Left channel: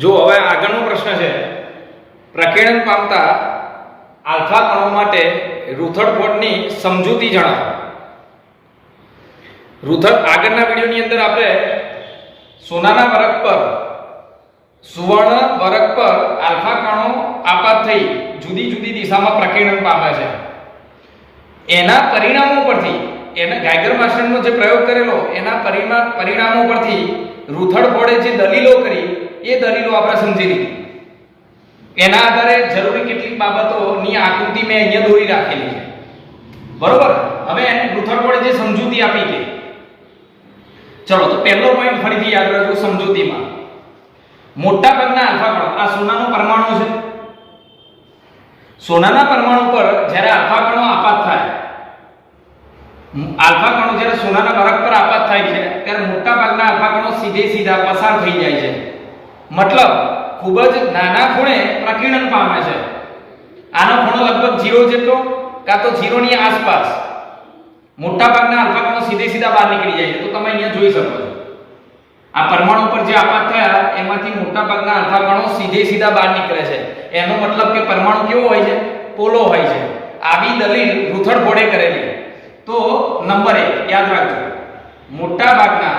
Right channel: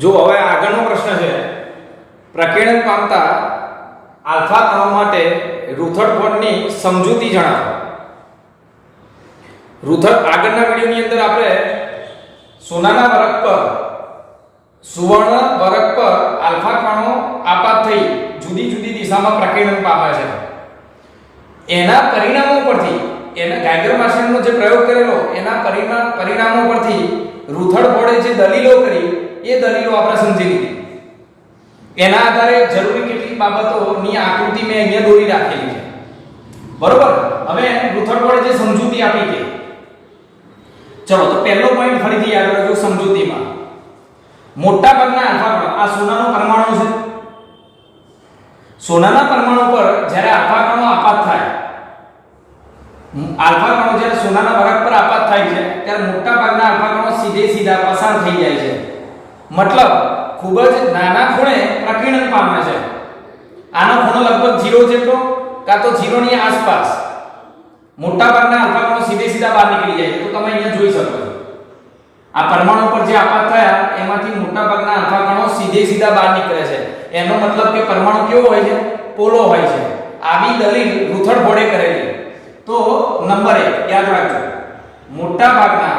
જો હવે આગળનો પ્રશ્ન છે, પ્રકીર્ણન પામતા આલ્ફા કણો માટે રુથરફોર્ડની સમજૂતી જણાવો. આગળના વિડિયોની અંદર આપણે સોનાના વરખ પર સુવર્ણ વરખ પર આલ્ફા કણો આપાત થઈ જુદી જુદી દિશામાં પ્રકીર્ણન પામે છે. એના પરિણામો પરથી ગાઈગર માસ્ટરનો જે પ્રયોગ કરેલો એના પરિણામો પરથી રુથરફોર્ડે જે દલીલો કરી એ દલીલો આપણે સમજી લીધી. એના આધારે જરૂરી કેટલીક બાબતોની આકૃતિ મેં અહીંયા દોરી રાખેલી છે. બરોબર. હવે રુથરફોર્ડે જે સમજૂતી આપી કે ચલો તો પહેલો પોઈન્ટ ફરીથી યાદ રાખજો. સમજૂતીમાં મોટા ભાગના આલ્ફા કણો, આ સોનાનો પરમાણુ છે. સોનાના પરમાણુ પર જ્યારે આલ્ફા કણો આપાત થાય, આલ્ફા કણો જ્યારે સોનાના વરખ પર આપાત થાય છે ત્યારે મોટા ભાગના આલ્ફા કણો સીધા પસાર થઈ જાય છે. મતલબ ખૂબ જ નાના ખૂણે પ્રકીર્ણન પામે છે. આનો ખૂણો લગભગ 0 જેટલો કાં તો 0 ની આસપાસ મોટા ભાગના આલ્ફા કણો સીધા બહાર નીકળી જાય છે. તો તમે અહીંયા જોઈ શકો છો આ પરમાણુ પર જે આપાત થયા એમાંથી મોટા ભાગના આલ્ફા કણો સીધા બહાર નીકળે છે. એનો મતલબ કે પરમાણુ કેવો હોય છે? પોલો હોય છે. આવી દલીલ રુથરફોર્ડે કરેલી. તો નંબર 1 યાદ રાખજો, મોટા ભાગના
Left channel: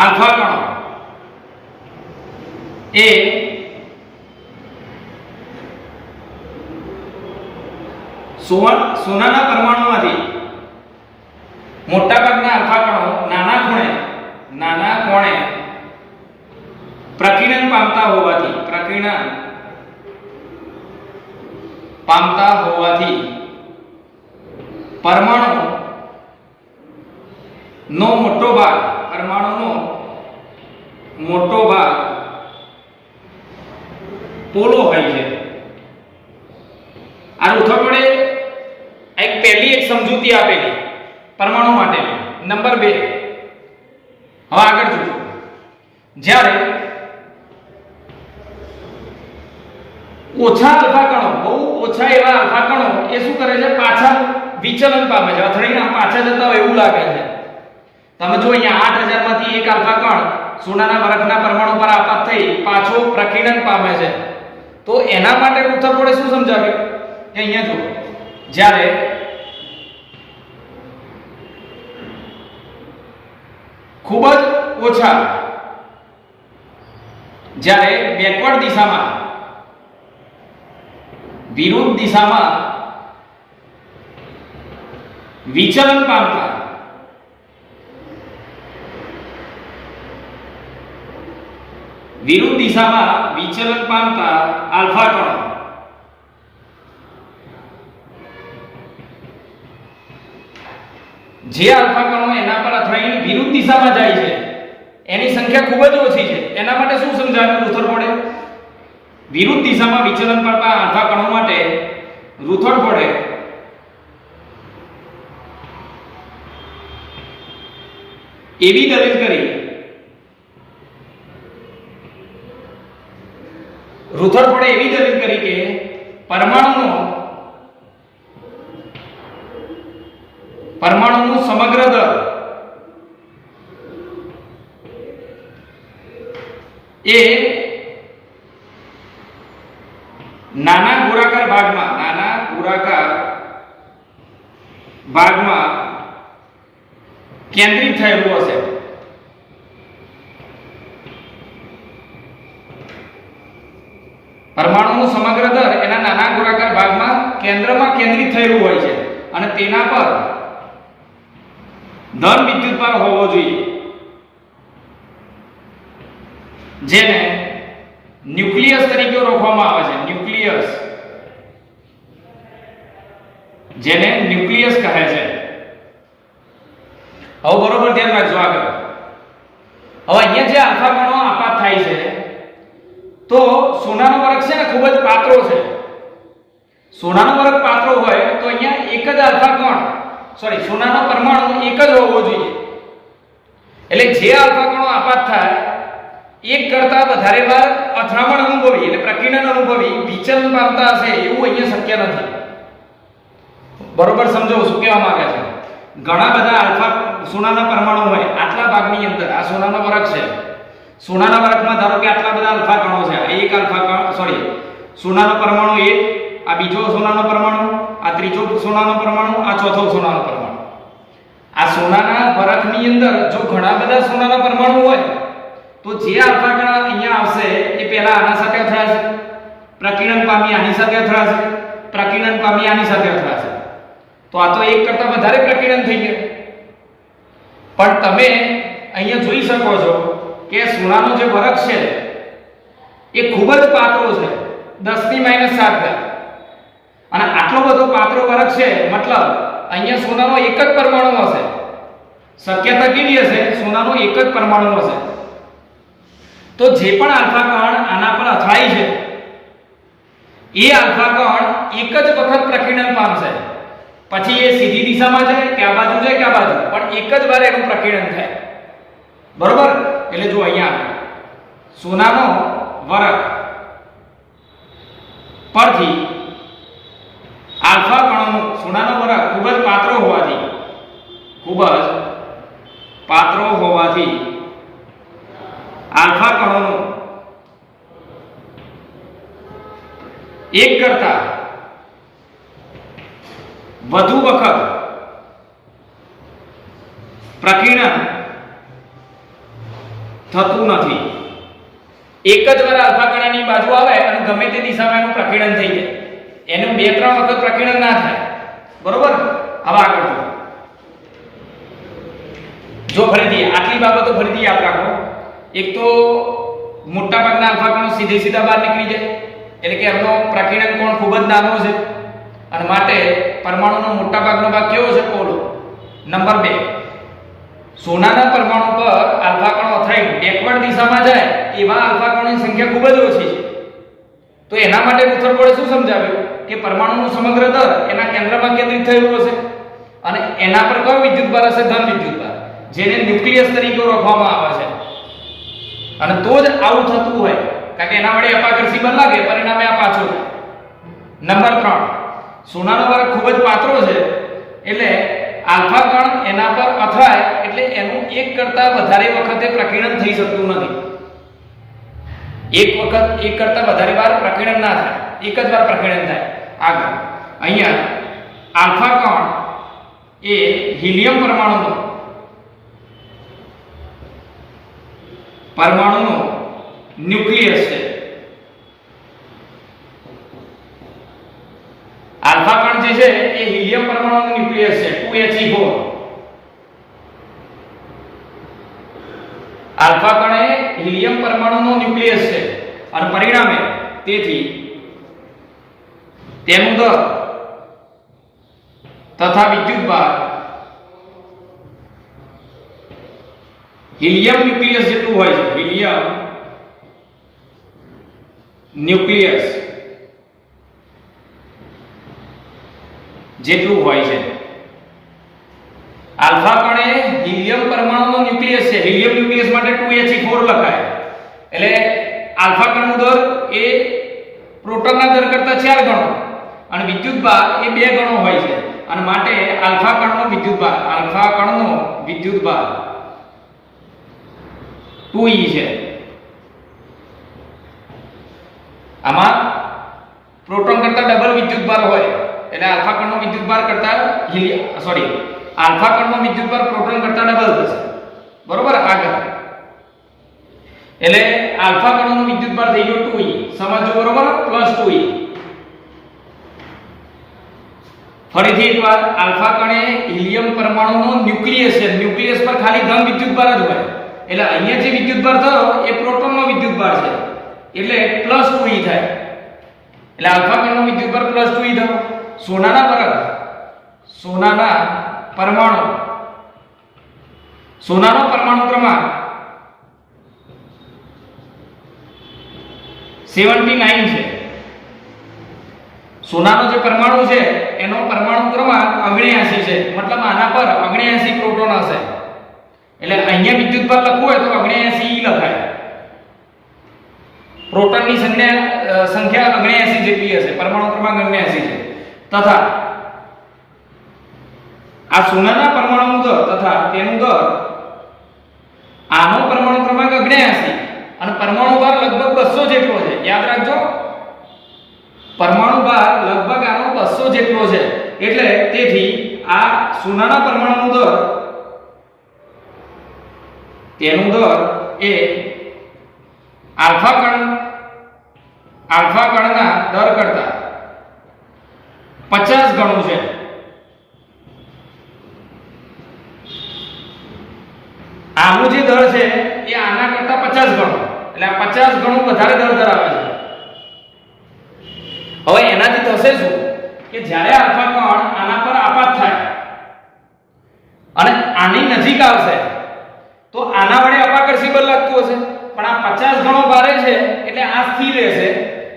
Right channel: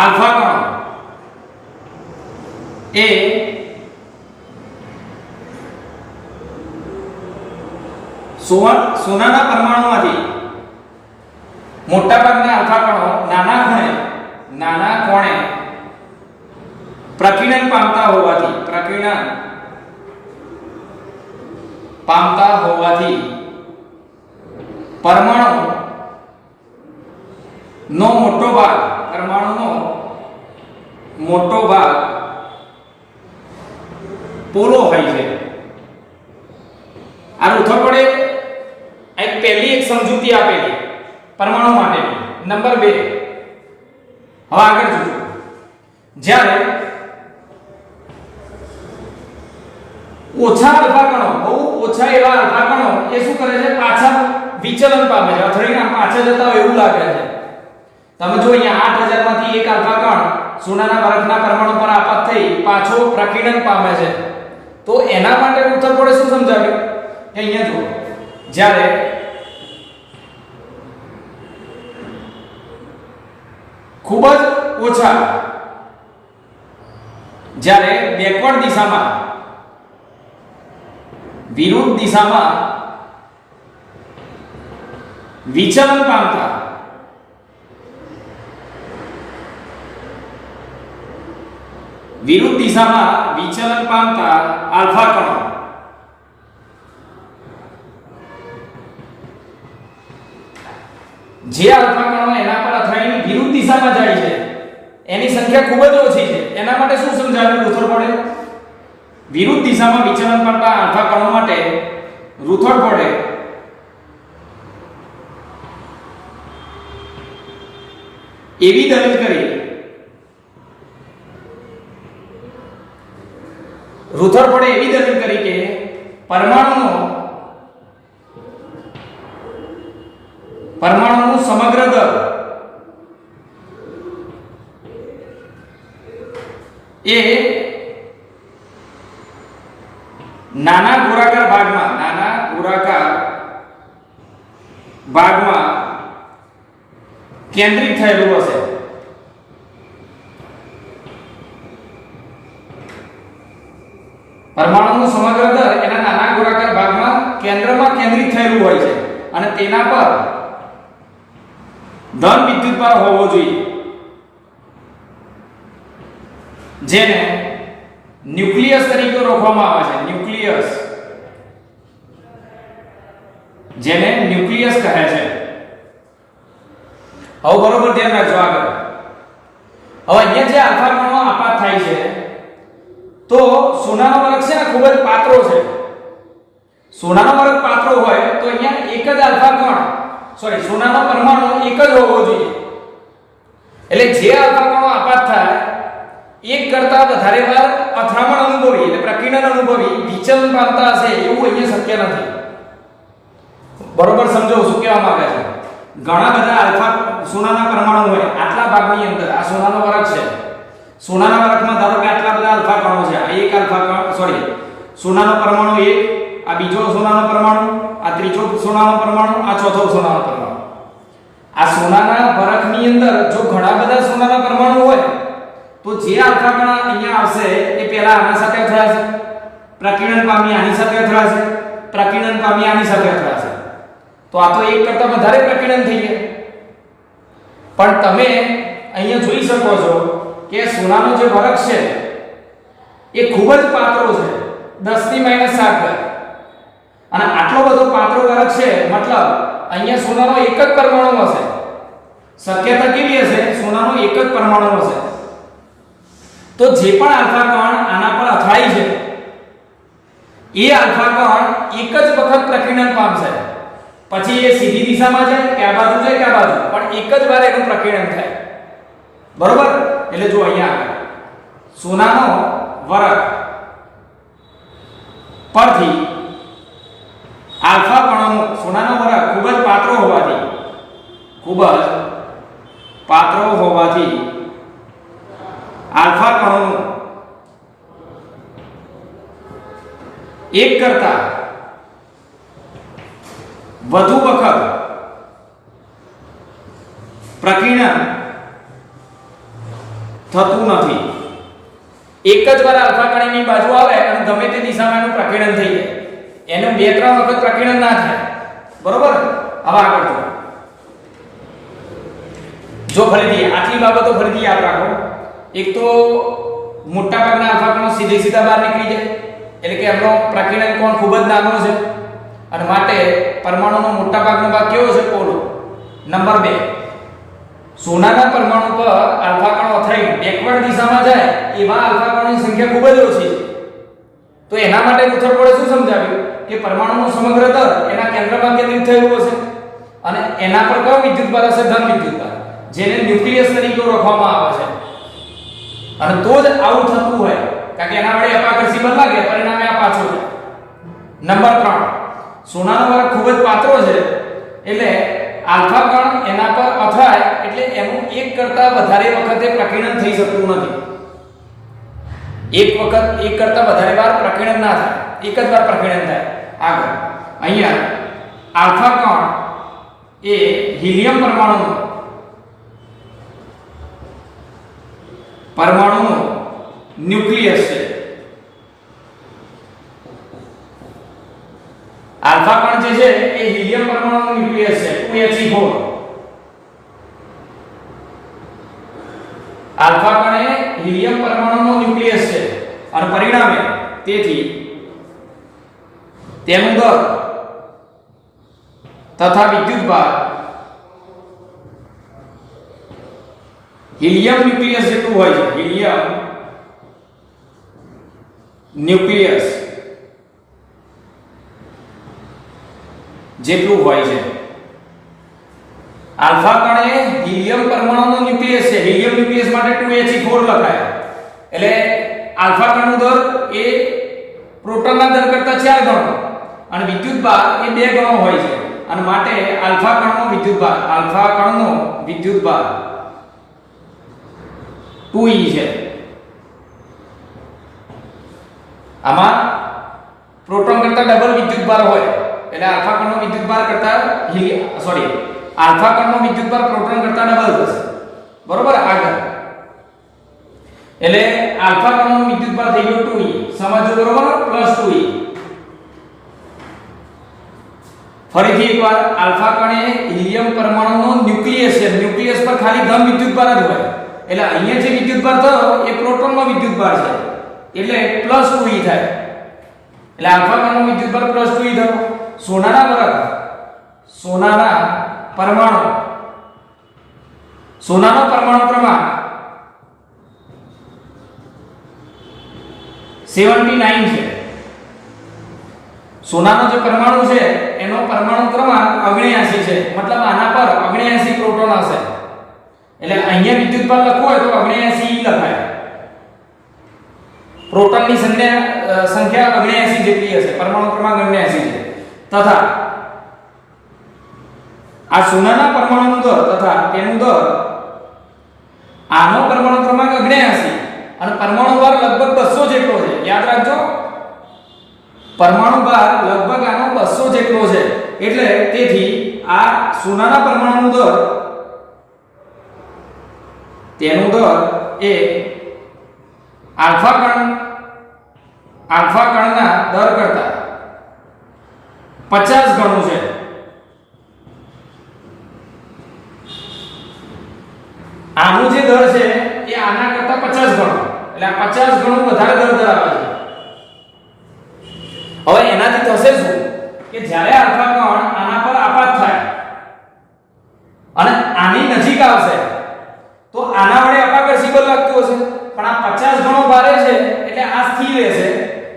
આલ્ફા કણો એ સોનાના પરમાણુમાંથી મોટા ભાગના આલ્ફા કણો નાના કોણે પ્રકીર્ણન પામતા હોવાથી પરમાણુનો મોટો ભાગ પોલો હોય છે. આ રુથરફોર્ડે પહેલી સમજૂતી આપેલી પરમાણુ માટે. નંબર 2 હવે આગળ જોજો. જ્યારે ઓછા આલ્ફા કણો, બહુ ઓછા એવા આલ્ફા કણો એ શું કરે છે? પાછા વિચલન પામે છે, અથડીને પાછા જતા હોય એવું લાગે છે. તમે જો અહીંયા 8000 માંથી એક આલ્ફા કણ સોનાના વરખના પરમાણુ પર આપાત થઈ પાછો પ્રકીર્ણન પામે છે. તો એના માટે રુથરફોર્ડે શું સમજાવ્યું કે અહીંયા જુઓ, જ્યારે ખૂબ જ ઓછા, જ્યારે બેકવર્ડ દિશામાં વિરુદ્ધ દિશામાં વિચલન પામતા આલ્ફા કણો જે આલ્ફા કણો એના પર અથડાઈને વિરુદ્ધ દિશામાં જાય છે એની સંખ્યા ખૂબ જ ઓછી છે. એના માટે શું સમજાવ્યું રુથરફોર્ડે? વિરુદ્ધ દિશામાં વિચલન પામતા આલ્ફા કણો માટે રુથરફોર્ડે એવી દલીલ કરી, કે પરમાણુનું સમગ્ર દર એ નાના ગોળાકાર ભાગમાં કેન્દ્રિત થયેલું હશે. પરમાણુનું સમગ્ર દર એના નાના ગોળાકાર ભાગમાં કેન્દ્રમાં કેન્દ્રિત થયેલું હોય છે અને તેના પર ધન વિદ્યુતભાર હોવો જોઈએ, જેને ન્યુક્લિયસ તરીકે ઓળખવામાં આવે છે. જેને ન્યુક્લિયસ કહે છે. હવે બરોબર ધ્યાન રાખજો. આગળ હવે અહીંયા જે આલ્ફા કણો આપાત થાય છે તો સોનાનો વરખ છે ને ખૂબ જ પાતળો છે. સોનાનો વરખ પાતળો હોય તો અહીંયા એક જ આલ્ફા કણ સોનાનો પરમાણુ એક જ હોવો જોઈએ. એટલે જે આલ્ફા કણો આપાત થાય એક કરતા વધારે વાર અથડામણ અનુભવી એટલે પ્રકીર્ણન અનુભવી વિચલન પામતા હશે એવું અહીંયા શક્ય નથી. બરોબર સમજો શું કહેવા માંગે છે? ઘણા બધા આલ્ફા સોનાના પરમાણુ હોય આટલા ભાગની અંદર, આ સોનાનો વરખ છે, સોનાના વરખમાં ધારો કે આટલા બધા આલ્ફા કણો છે, આ એક આલ્ફા કણ સોરી સોનાનો પરમાણુ એક, આ બીજો સોનાનો પરમાણુ, આ ત્રીજો સોનાનો પરમાણુ, આ ચોથો સોનાનો પરમાણુ. આ સોનાના વરખની અંદર જો ઘણા બધા સોનાના પરમાણુ હોય તો જે આલ્ફા કણ અહીંયા આવશે એ પહેલા આના સાથે અથડાશે, પ્રકીર્ણન પામી આની સાથે અથડાશે, પ્રકીર્ણન પામી આની સાથે અથડાશે. તો આ તો એક કરતા વધારે પ્રકીર્ણન થઈ ગયા. પણ તમે અહીંયા જોઈ શકો છો કે સોનાનો જે વરખ છે એ ખૂબ જ પાતળો છે, 10⁻⁷. અને આટલો બધો પાતળો વરખ છે મતલબ અહીંયા સોનાનો એક જ પરમાણુ હશે. શક્યતા કેવી હશે? સોનાનો એક જ પરમાણુ હશે. તો જે પણ આલ્ફા કણ આના પર અથડાય છે એ આલ્ફા કણ એક જ વખત પ્રકીર્ણન પામશે, પછી એ સીધી દિશામાં જાય કે આ બાજુ જાય કે આ બાજુ, પણ એક જ વાર એનું પ્રકીર્ણન થાય. બરોબર? એટલે જો અહીંયા સોનાનો વરખ પરથી આલ્ફા કણનો સોનાનો વરખ ખૂબ જ પાતળો હોવાથી આલ્ફા કણોનું એક કરતા વધુ વખત પ્રકીર્ણન થતું નથી. એક જ વાર આલ્ફા કણ એની બાજુ આવે અને ગમે તે દિશામાં એનું પ્રકીર્ણન થઈ જાય, એનું 2-3 વખત પ્રકીર્ણન ના થાય. બરોબર? હવે આગળ જો ફરીથી આટલી બાબતો ફરીથી યાદ રાખો. એક તો મોટા ભાગના આલ્ફા કણો સીધા બહાર નીકળી જાય, એટલે કે એમનો પ્રકીર્ણન કોણ ખૂબ જ નાનો છે અને માટે પરમાણુનો મોટા ભાગનો ભાગ કેવો છે? પોલો. નંબર 2, સોનાના પરમાણુ પર આલ્ફા કણો અથડાઈને બેકવર્ડ દિશામાં જાય એવા આલ્ફા કણોની સંખ્યા ખૂબ જ ઓછી છે. તો એના માટે રૂથરફોર્ડે શું સમજાવ્યું કે પરમાણુનું સમગ્ર દર એના કેન્દ્રમાં કેન્દ્રિત થયેલું હશે અને એના પર કયો વિદ્યુતભાર હશે? ધન વિદ્યુતભાર, જેને ન્યુક્લિયસ તરીકે ઓળખવામાં આવે છે. અને તો જ આવું થતું હોય, કારણ કે એના વડે અપાકર્ષી બળ લાગે, પરિણામે આ પાછો છે. નંબર 3, સોનાનો વરખ ખૂબ જ પાતળો છે એટલે આલ્ફા કણ એના પર અથડાય એટલે એનું એક કરતા વધારે વખતે પ્રકીર્ણન થઈ શકતું નથી. એક કરતા વધારે વાર પ્રકીર્ણન ના થાય, એક જ વાર પ્રકીર્ણન થાય. આગળ અહીંયા આલ્ફા કણ એ હિલિયમ પરમાણુનો ન્યુક્લિયસ છે. આલ્ફા કણ જે છે એ હિલિયમ પરમાણુનો ન્યુક્લિયસ છે, 2He4. આલ્ફા કણ એ હિલિયમ પરમાણુનો ન્યુક્લિયસ છે અને પરિણામે તેથી તેનું દર તથા વિદ્યુતભાર હિલિયમ ન્યુક્લિયસ જેટલું હોય છે. હિલિયમ ન્યુક્લિયસ જેટલું હોય છે. આલ્ફા કણ એ હિલિયમ પરમાણુનો ન્યુક્લિયસ છે. હિલિયમ ન્યુક્લિયસ માટે 2He4 લખાય. એટલે આલ્ફા કણનો દર એ પ્રોટોનના દર કરતા 4 ગણો અને વિદ્યુતભાર એ 2 ગણો હોય છે અને માટે આલ્ફા કણનો વિદ્યુતભાર 2E છે. આમાં પ્રોટોન કરતા ડબલ વિદ્યુતભાર હોય એટલે આલ્ફા કણનો વિદ્યુતભાર કરતા આલ્ફા કણનો વિદ્યુતભાર પ્રોટોન કરતા ડબલ થશે. બરોબર? આગળ એટલે આલ્ફા કણનો વિદ્યુતભાર થઈ ગયો 2E. સમજો બરોબર? +2E. ફરીથી એકવાર આલ્ફા કણ એ હિલિયમ પરમાણુનો ન્યુક્લિયસ છે. ન્યુક્લિયસ પર ખાલી ધન વિદ્યુતભાર જ હોય એટલે અહીંયા જે વિદ્યુતભાર થયો એ પ્રોટોનનો વિદ્યુતભાર છે એટલે +2E થાય. એટલે આલ્ફા કણનો વિદ્યુતભાર +2E થયો. સોનાનો પરમાણુ ક્રમાંક 79 છે. સોનાનો જે પરમાણુ છે એનો પરમાણુ ક્રમાંક 79 છે, મતલબ આના પર 79 પ્રોટોન હશે. એટલે અહીંયા વિદ્યુતભાર લખવું હોય તો 79E લખાય. પ્રોટોનની સંખ્યા 79 જેટલી હશે, પરમાણુ ક્રમાંક 79 છે. તથા આ સોનાના પરમાણુ દર તથા તેનું દર આનો પરમાણુ ક્રમાંક 79 અને પરમાણુ ભાર લગભગ 200 જેટલો છે. યાદ રાખજો, પરમાણુ ભાર લગભગ આનો 200 જેટલો છે. એટલે તેથી આ સોનાના પરમાણુનો દર તેનું દર એ આલ્ફા કણના દર કરતા 50 ગણું છે. આનું જે દર છે એ આના કરતા 50 ગણું, એટલે આ 50 ગણું વધારે દર ધરાવે છે. હવે એનાથી થશે શું કે જ્યારે આલ્ફા કણ આના પર આપાત થાય અને આની નજીક આવશે તો આના વડે અપાકર્ષી બળ લાગતું હશે, પણ આ 50 ગણો ભારે છે એટલે આ સ્થિર રહેશે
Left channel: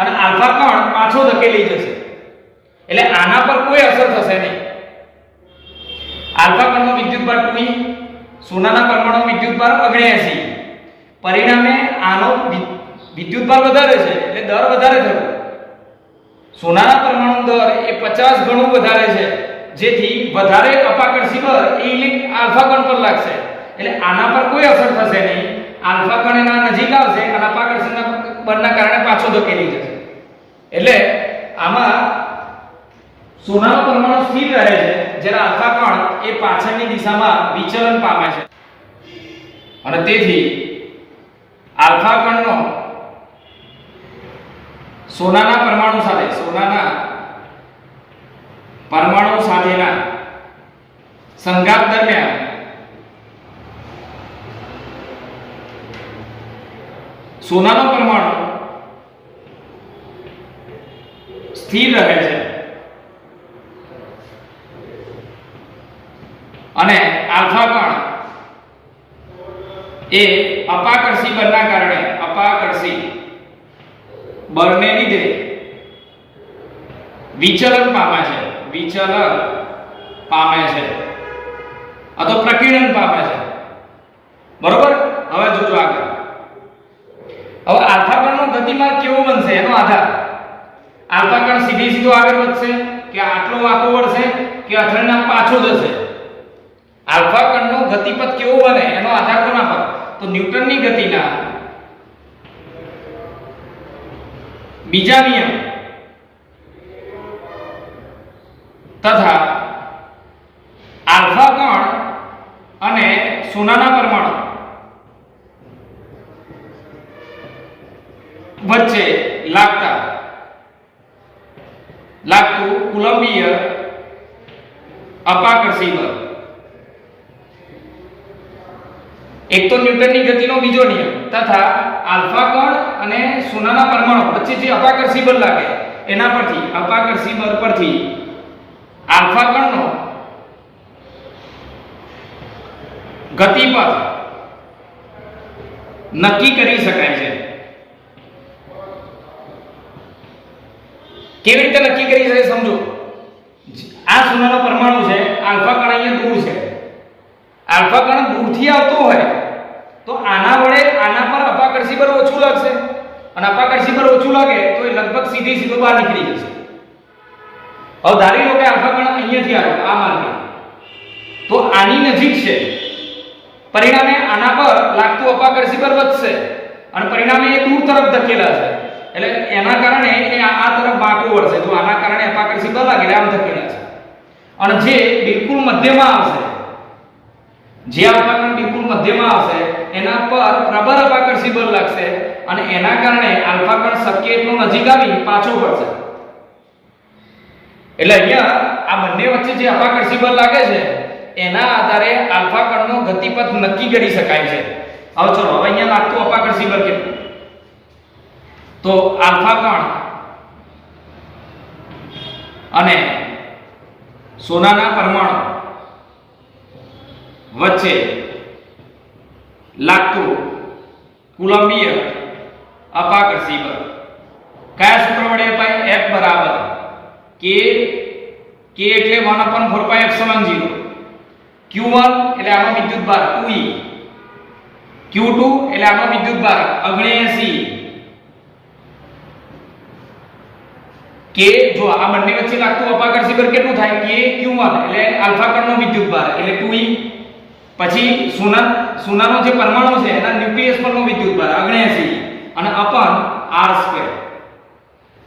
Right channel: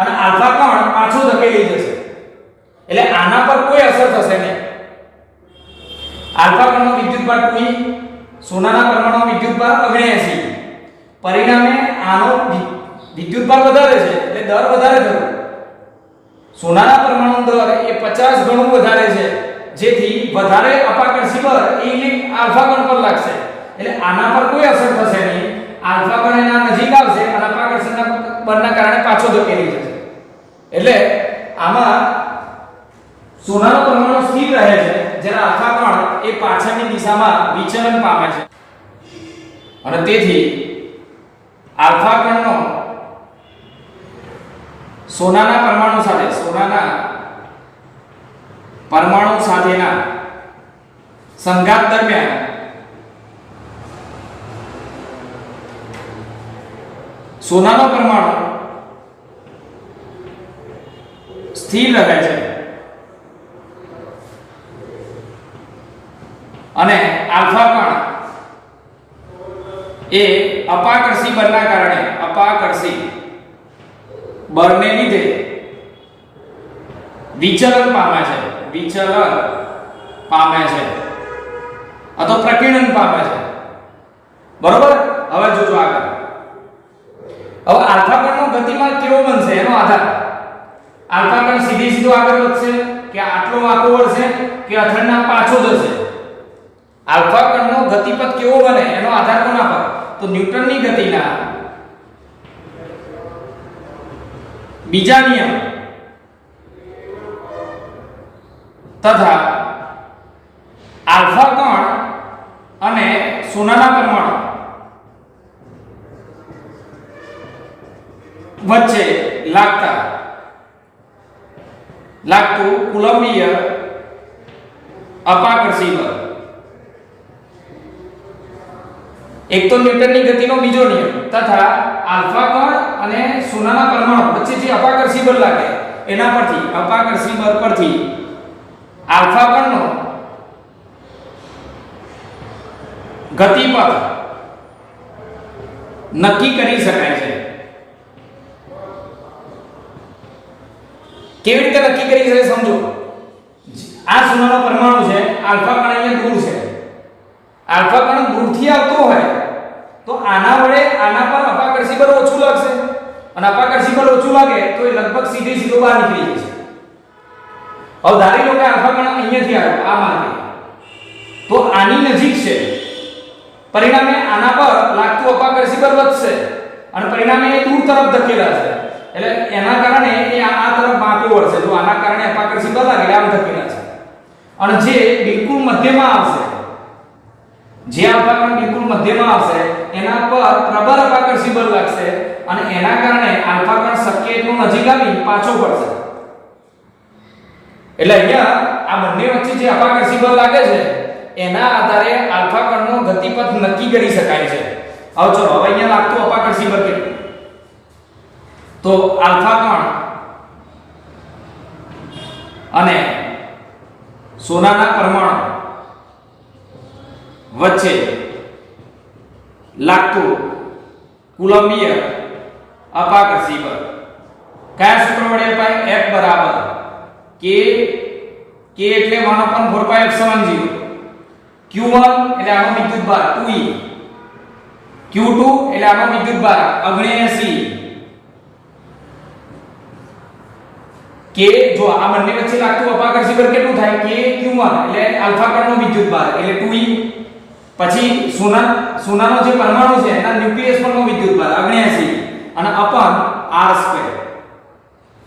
અને આલ્ફા કણ પાછો ધકેલી જશે. એટલે આના પર કોઈ અસર થશે નહીં. આલ્ફા કણનો વિદ્યુતભાર 2e, સોનાના પરમાણુનો વિદ્યુતભાર 79, પરિણામે આનો વિદ્યુતભાર વધારે છે એટલે દર વધારે થયો. સોનાના પરમાણુ દર એ 50 ગણું વધારે છે, જેથી વધારે અપાકર્ષી બળ એ આલ્ફા કણ પર લાગશે. એટલે આના પર કોઈ અસર થશે નહીં. આલ્ફા કણ એના નજીક આવશે અને અપાકર્ષણના બળના કારણે પાછો ધકેલી જશે. એટલે આમાં સોનાનો પરમાણુ સ્થિર રહે છે જ્યારે આલ્ફા કણ એ પાછળની દિશામાં વિચલન પામે છે. અને તેથી આલ્ફા કણનો સોનાના પરમાણુ સાથેના સંઘાત દરમિયાન સોનાનો પરમાણુ સ્થિર રહે છે અને આલ્ફા કણ એ અપાકર્ષી બળના કારણે અપાકર્ષી બળને લીધે વિચલન પામે છે અથવા પ્રકીર્ણન પામે છે. બરોબર? હવે જોજો આગળ. હવે આલ્ફા કણનો ગતિમાર્ગ કેવો બનશે એનો આધાર. આલ્ફા કણ સીધો આગળ વધશે કે આટલો વાંકો વળશે કે અથડાઈને પાછો જશે. આલ્ફા કણનો ગતિપથ કેવો બને એનો આધાર કોના પર? તો ન્યૂટનની ગતિના બીજા નિયમ તથા આલ્ફા કણ અને સોનાના પરમાણુ વચ્ચે લાગતું કુલંબીય અપાકર્ષી બળ. એક તો ન્યૂટનની ગતિનો બીજો નિયમ તથા આલ્ફા કણ અને સોનાના પરમાણુ વચ્ચે જે અપાકર્ષી બળ લાગે એના પરથી અપાકર્ષી બળ પરથી આલ્ફા કણનો ગતિપથ નક્કી કરી શકાય છે. કેવી રીતે નક્કી કરી શકાય સમજો. આ સોનાનો પરમાણુ છે, આલ્ફા કણ અહીંયા દૂર છે. આલ્ફા કણ દૂરથી આવતો હોય તો આના વડે આના પર અપાકર્ષી બળ ઓછું લાગશે અને અપાકર્ષી બળ ઓછું લાગે તો એ લગભગ સીધો બહાર નીકળી જશે. હવે ધારી લો કે આલ્ફા કણ અહીંયાથી આવ્યો આ માર્ગે, તો આની નજીક છે, પરિણામે આના પર લાગતું અપાકર્ષી બળ વધશે અને પરિણામે એ દૂર તરફ ધકેલાશે. એટલે એના કારણે એ આ તરફ વાંકો વળશે. જો આના કારણે અપાકર્ષી બળ લાગે આમ ધકેલાશે અને જે બિલકુલ મધ્યમાં આવશે, જે આલ્ફા કણ બિલકુલ મધ્યમાં આવશે એના પર પ્રબળ અપાકર્ષી બળ લાગશે અને એના કારણે આલ્ફા કણ શક્ય એટલો નજીક આવી પાછો પડશે. એટલે અહીંયા આ બંને વચ્ચે જે અપાકર્ષી બળ લાગે છે એના આધારે આલ્ફા કણનો ગતિપથ નક્કી કરી શકાય છે. હવે ચલો હવે અહીંયા લાગતું અપાકર્ષી બળ કેટલું? તો આલ્ફા કણ અને સોનાના પરમાણુ વચ્ચે લાગતું કુલંબીય અપાકર્ષી બળ કયા સૂત્ર વડે અપાય? F બરાબર k એટલે 1/4π = 0, q1 એટલે આનો વિદ્યુતભાર 2e, q2 એટલે આનો વિદ્યુતભાર 79, કે જો આ બંને વચ્ચે લાગતું અપાકર્ષી બળ કેટલું થાય કે q1 એટલે આલ્ફા કણનો વિદ્યુતભાર એટલે 2e પછી સોનાનો જે પરમાણુ છે એના ન્યુક્લિયસ પરનો વિદ્યુતભાર 79 અને અપન r².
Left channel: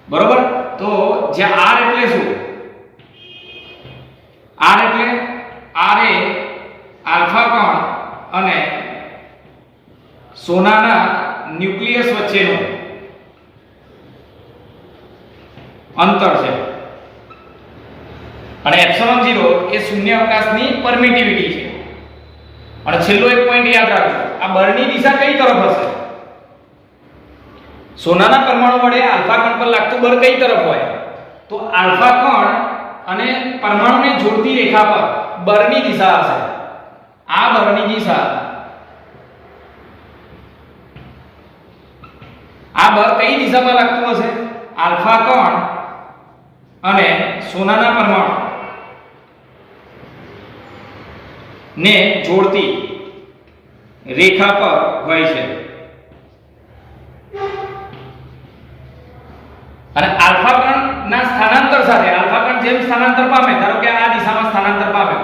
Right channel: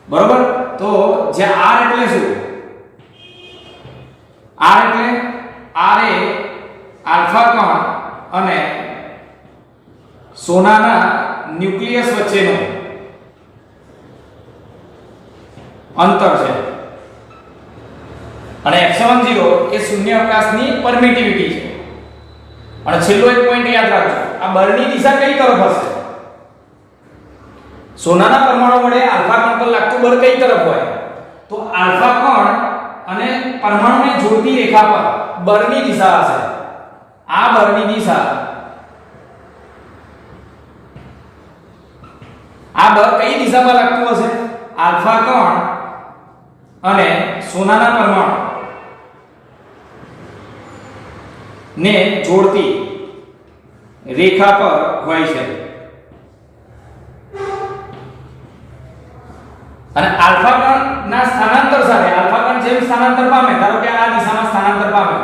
બરોબર. તો જે r એટલે શું? r એટલે r એ આલ્ફા કણ અને સોનાના ન્યુક્લિયસ વચ્ચેનું અંતર છે અને ε0 એ શૂન્ય અવકાશની પરમિટિવિટી છે. અને છેલ્લો એક પોઈન્ટ યાદ રાખજો, આ બળની દિશા કઈ તરફ હશે? સોનાના પરમાણુ વડે આલ્ફા કણ પર લાગતું બળ કઈ તરફ હોય? તો આલ્ફા કણ અને પરમાણુને જોડતી રેખા પર બળની દિશા હશે. આ બળની દિશા, આ બળ કઈ દિશામાં લાગતું હશે? આલ્ફા કણ અને સોનાના પરમાણુ ને જોડતી રેખા પર હોય છે. અને આલ્ફા કણના સ્થાનાંતર સાથે આલ્ફા કણ જેમ સ્થાનાંતર પામે, ધારો કે આ દિશામાં સ્થાનાંતર પામે,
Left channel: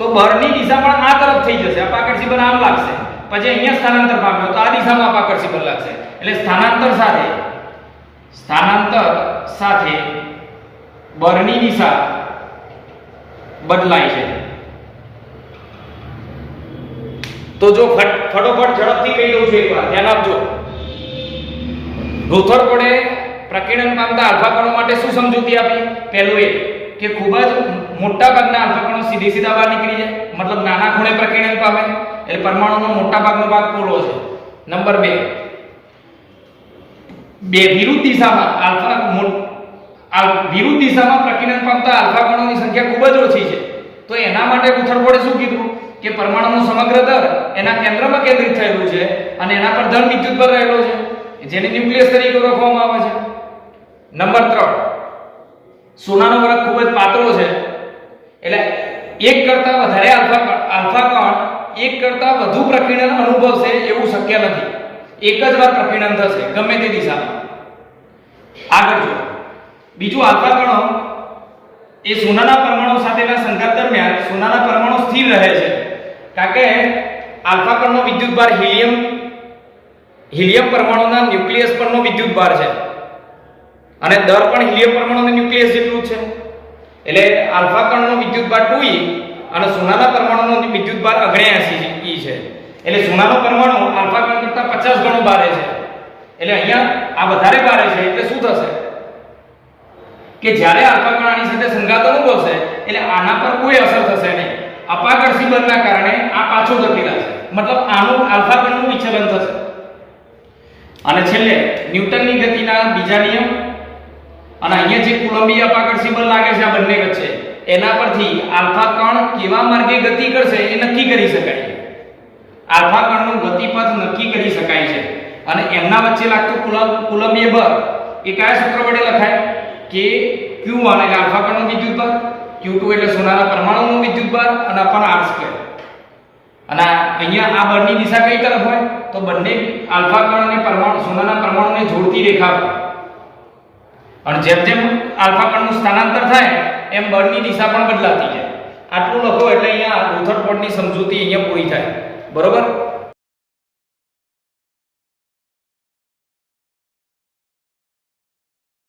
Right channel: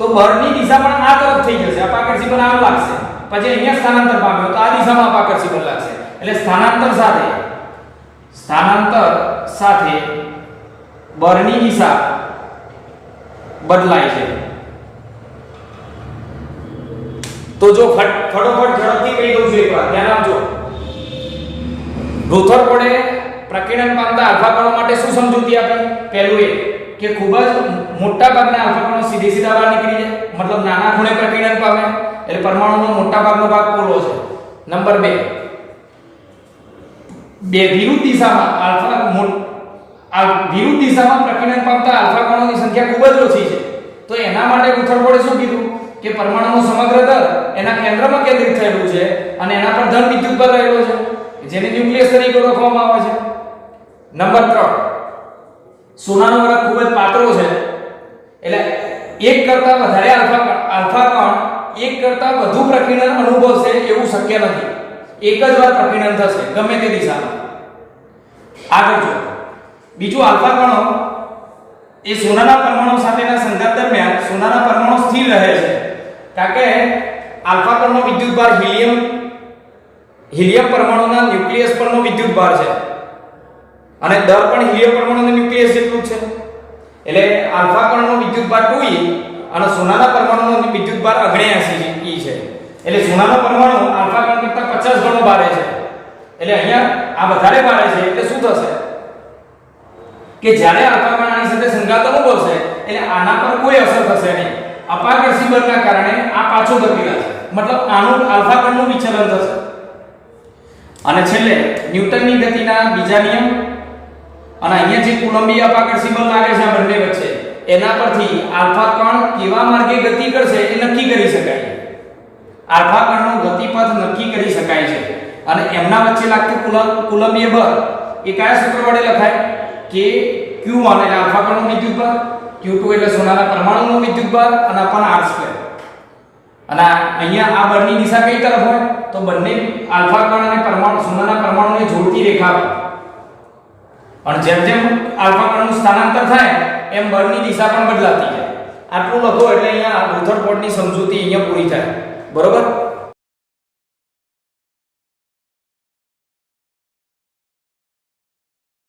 તો બળની દિશા પણ આ તરફ થઈ જશે. અપાકર્ષી બળ આમ લાગશે, પછી અહીંયા સ્થાનાંતર પામ્યો તો આ દિશામાં અપાકર્ષી બળ લાગશે. એટલે સ્થાનાંતર સાથે બળની દિશા બદલાય છે. તો જો ફટોફટ ઝડપથી કહી દઉં છું એકવાર ધ્યાન આપજો. રુથરફોર્ડે પ્રકીર્ણન પામતા આલ્ફા કણો માટે શું સમજૂતી આપી? પહેલું એ કે ખૂબ જ મોટા ભાગના આલ્ફા કણો સીધા બહાર નીકળી જાય, મતલબ નાના ખૂણે પ્રકીર્ણન પામે, એટલે પરમાણુનો મોટા ભાગનો ભાગ પોલો છે. નંબર 2, વિરુદ્ધ દિશામાં પ્રકીર્ણન પામતા આલ્ફા કણોની સંખ્યા ખૂબ જ ઓછી છે. તો એના માટે રુથરફોર્ડે શું કીધું કે પરમાણુનો સમગ્ર દર એના કેન્દ્રમાં કેન્દ્રિત થયેલું છે અને એના પર ધન વિદ્યુતભાર રહેલો છે, જેને ન્યુક્લિયસ તરીકે ઓળખવામાં આવે છે. નંબર 3, સોનાનો વરખ ખૂબ જ પાતળો છે, એટલે એક કરતા વધારે આલ્ફા કણ એક કરતા વધુ પ્રકીર્ણન અનુભવશે એવું શક્ય નથી. એક જ વાર પ્રકીર્ણન થશે ગમે તે દિશામાં. આગળ જો બીજું, આલ્ફા કણો એ સોનાના પરમાણુ સાથેના સંઘાત દરમિયાન સોનાના પરમાણુ સ્થિર રહે છે, કારણ કે આલ્ફા કણનો વિદ્યુતભાર હિલિયમ પરમાણુના ન્યુક્લિયસ પરનો વિદ્યુતભાર છે અને દર પણ હિલિયમ પરમાણુના ન્યુક્લિયસ જેટલું જ છે. એટલે આલ્ફા કણનો વિદ્યુતભાર 2e અને સોનાના પરમાણુનો વિદ્યુતભાર 79e છે. એટલે સોનાનો પરમાણુ આલ્ફા કણ કરતા 50 ગણો ભારે છે. એટલે અહીંયા આ વધારે ભારે છે, એટલે શું થશે કે જ્યારે આલ્ફા કણ આની સાથે સંઘાત અનુભવશે એટલે આના પર કોઈ અસર થશે નહીં. અપાકર્ષી બળના કારણે આ પાછું ધકેલાશે, મતલબ આનું આલ્ફા કણનું વિચલન થશે. અને છેલ્લે ન્યૂટનની ગતિના બીજા નિયમ અને અહીંયા જે કુલંબીય અપાકર્ષી બળ લાગે છે આ બંને વચ્ચે, એના પરથી આલ્ફા કણ કેવા માર્ગે ગતિ કરશે એ નક્કી કરી શકાય. આલ્ફા કણનું ગતિપથ નક્કી કરી શકાય છે. અને એમના વચ્ચે લાગતું કુલંબીય બળ એ કયા સૂત્ર વડે લખાય કે q1 એટલે આલ્ફા કણનો વિદ્યુતભાર, q2 એટલે સોનાના પરમાણુનો વિદ્યુતભાર અને અપન r². અને અહીંયા આ બળની દિશા કઈ તરફ હોય? તો બંને આલ્ફા કણ અને સોનાના પરમાણુને જોડતી રેખા પર. અને જેમ જેમ આલ્ફા કણનું સ્થાનાંતર થાય એમ બળની દિશા પણ બદલાતી જાય. આટલું લખો એટલે અહીંયા રુથરફોર્ડની સમજૂતી અહીંયા પૂરી થાય. બરોબર.